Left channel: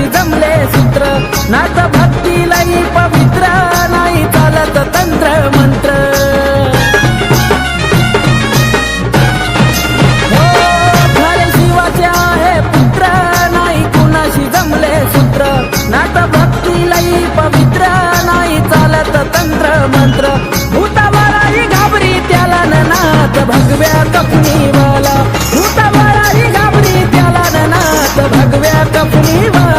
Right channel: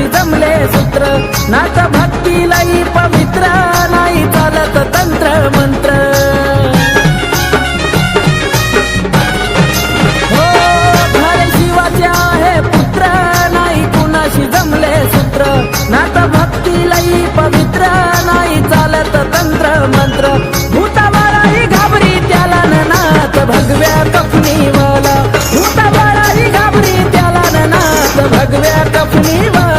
कुणाशी जमले सूत्र नात भक्ती लई पवित्र नाही चालत तंत्र मंत्र हो खरे शिवाचे आहे पुत्र नाही कुणाशी जमले सूत्र नात भक्ती लई पवित्र नाही चालत तंत्र मंत्र भूतावाळाही घाबरी त्याला नाथ भगव्या कफनीवाला भूतावाळाही घाबरी त्याला नाथ भगव्या कफनीवाला